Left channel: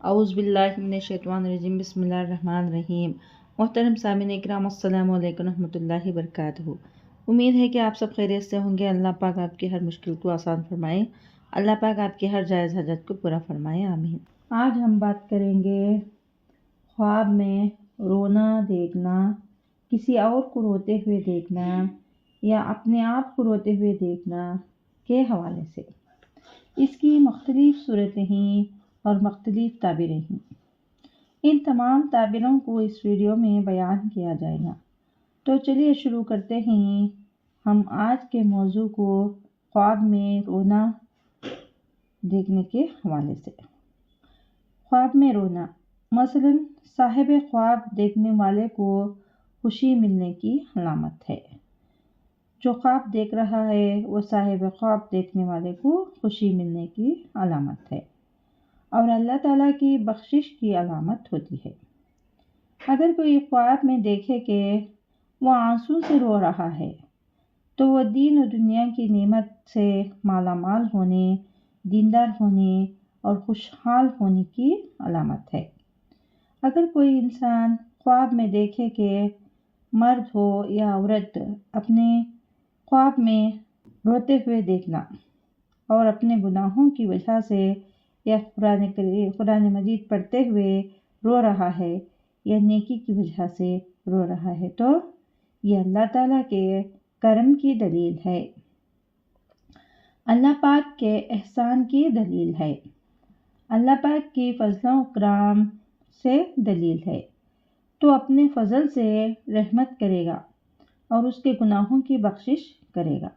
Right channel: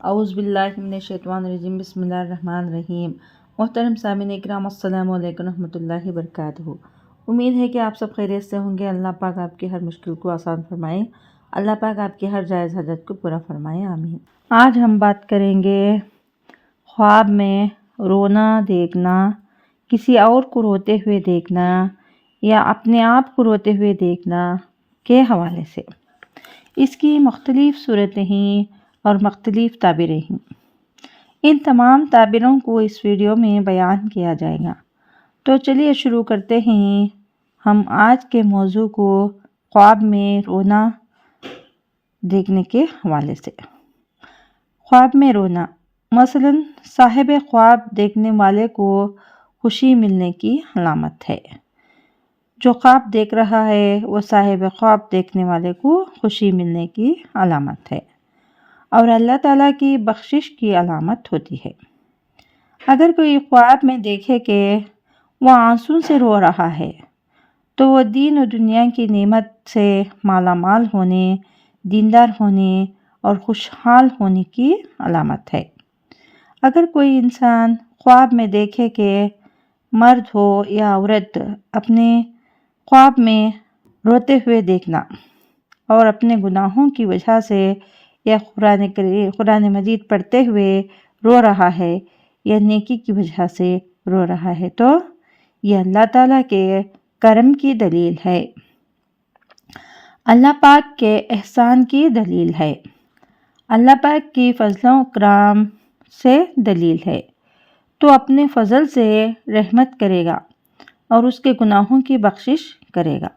اعوذ باللہ من الشیطان الرجیم، بسم اللہ الرحمن الرحیم۔ محترم سامعین اکرام، السلام علیکم ورحمۃ اللہ وبرکاتہ۔ امید ہے کہ آپ سب خیریت سے ہوں گے۔ اللہ پاک آپ کی ہر مشکل کو آسان فرمائے، اللہ پاک آپ کی ہر جائز حاجت کو پورا فرمائے، آمین۔ آج ہم بات کریں گے خواب میں رونا دیکھنا، کسی اور کو روتے ہوئے دیکھنا یا اپنے آپ کو روتے ہوئے دیکھنا کے حوالے سے۔ اس کی مختلف صورتیں ہیں اور مختلف تعبیریں ہیں۔ ان تمام تعبیروں کو اس ویڈیو میں بیان کیا جائے گا۔ تو چلیے شروع کرتے ہیں ہم آج کے موضوع کو خواب میں رونا دیکھنے کے حوالے سے۔ خواب میں رونا مثلاً صاحب خواب دیکھنے والے کو خوشی ملنے کی علامت ہے۔ جو خواب دیکھ رہا ہے وہ صاحب خواب دیکھنے والے کو خوشی ملنے کی علامت ہے اور اللہ تعالیٰ کی بخشش کی علامت ہوتی ہے۔ اگر کوئی خواب میں دیکھے کہ وہ آنسوں سے رو رہا ہے تو وہ دین و دنیا کی نعمت سے مالا مال ہونے، دیندار ہونے اور خوشحال ہونے کی علامت ہے۔ اگر کوئی انسان خواب میں دیکھے کہ مرد ہو یا عورت اپنے خواب میں روتے ہوئے دیکھنا اور اپنے گناہوں کی وجہ سے یا قرآن مجید پڑھتے ہوئے رو رہا ہے یا نیکی کی وجہ سے رو رہا ہے تو یہ اللہ تعالیٰ کے کرم کی دلیل ہے، اللہ پاک کے احسان کی دلیل ہے، اللہ پاک کی فضل و کرم سے دلیل ہے۔ تو اپنے فضل سے رحمت کرے گا اور اس کے گناہوں کی بخشش کرے گا۔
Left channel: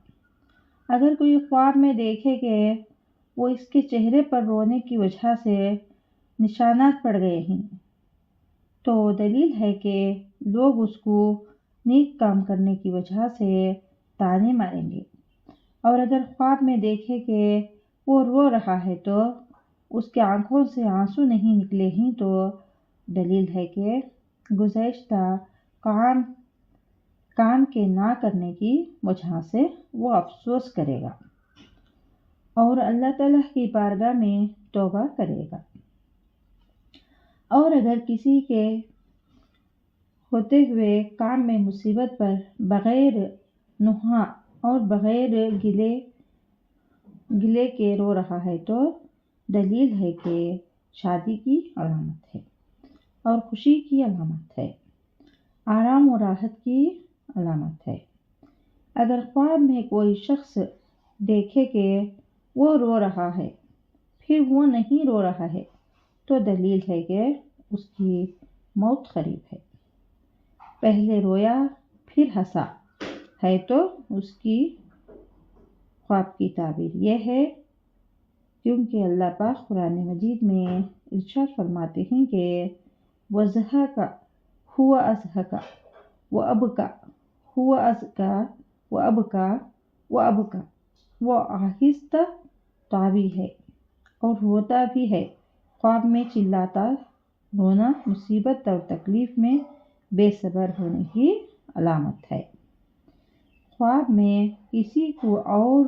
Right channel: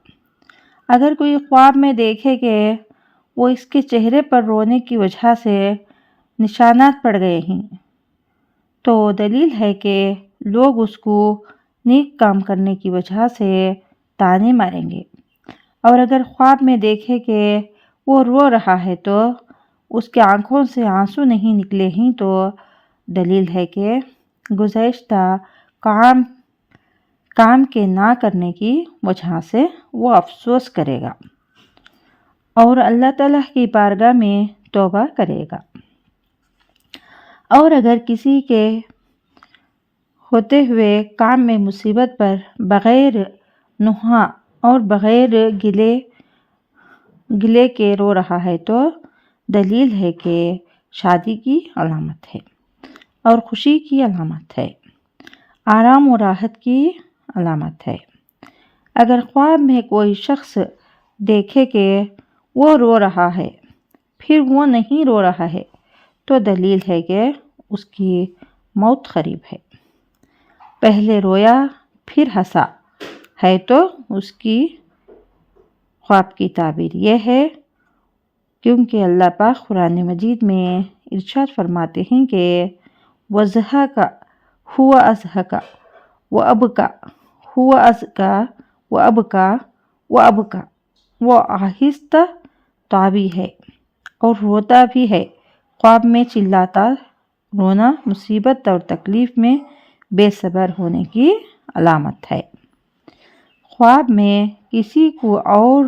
اگر کوئی خواب میں دیکھے کہ وہ اس کے چہرے پر رونے کی وجہ سے نشانات پڑ گئے ہیں تو دلیل ہے کہ لوگ اس کو نیک کام کرنے کی وجہ سے طعنے ماریں گے۔ اور اگر خواب میں دیکھے کہ وہ رو رہا ہے تو اس کے آنکھوں سے آنسو نہیں نکلے ہیں تو دلیل ہے کہ گزشتہ کام کے نہ کرنے کی وجہ سے وہ افسوس کرے گا اور اللہ تعالیٰ کی بارگاہ میں توبہ کرے گا۔ اور اگر کسی کے ہوتے ہوئے کام میں مصیبت پر بغیر نوحہ اور بغیر گلے کے رو رہا ہے تو دلیل ہے کہ شادی کی علامت ہے اور خوشی کی علامت ہے، آرام و راحت کی علامت ہے۔ اگر خواب میں کوئی شخص دیکھے کہ وہ رو رہا ہے پھر وہ نہیں رو رہا ہے تو دلیل ہے کہ اس کی موت قریب ہے۔ پہلے رویا پھر ہنسا ہے تو اس کی خواب کی تعبیر یہ ہے، کیونکہ اللہ پاک قرآن مجید میں ارشاد فرماتے ہیں کہ وَضَحَكَ هُوَ أَضْحَكَ وَأَبْكَى هُوَ أَضْحَكَ وَأَبْكَى وہ آہستہ طبی ہے اور روتا بھی ہے۔ خواب میں چلاتا رونا مصیبت اور تکلیف میں بے صبر ہونے کی علامت ہے۔ خواب میں کسی کو اور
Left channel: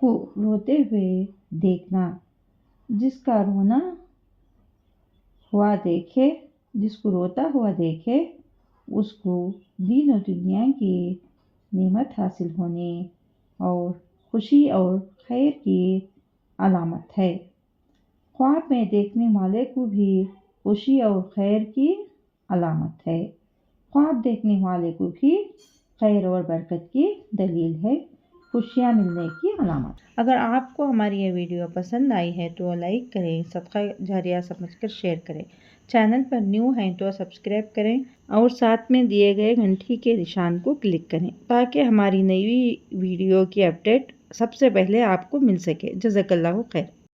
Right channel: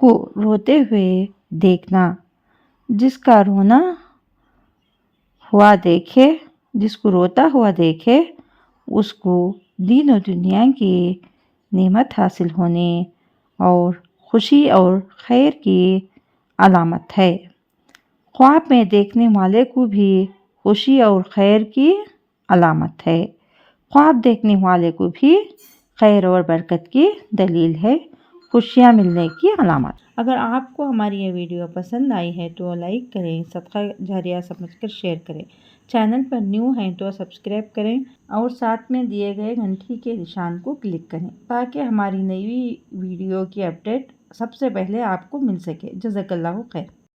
کو روتے ہوئے دیکھنا، جس کو روتا ہوا دیکھے اس کو دین و دنیا کی نعمت حاصل ہونے اور خوشی اور خیر کی علامت ہے۔ خواب میں دیکھنے والے کو بھی خوشی اور خیر کی علامت ہے، خواب دیکھنے والے کو بھی خیر اور برکت کی دلیل ہے، خوشیاں ملنے کی علامت۔ اگر آپ کو ہماری یہ ویڈیو پسند آئی ہے تو لائک کریں، صدقہ جاریہ سمجھ کر شیئر کریں، چینل پر نیو ہیں تو سبسکرائب کریں اور ساتھ میں دیے گئے گھنٹی کے نشان کو کلک کریں تاکہ ہماری نئی ویڈیو کی اپڈیٹ سب سے پہلے آپ کو مل سکے۔ جزاک اللہ خیر۔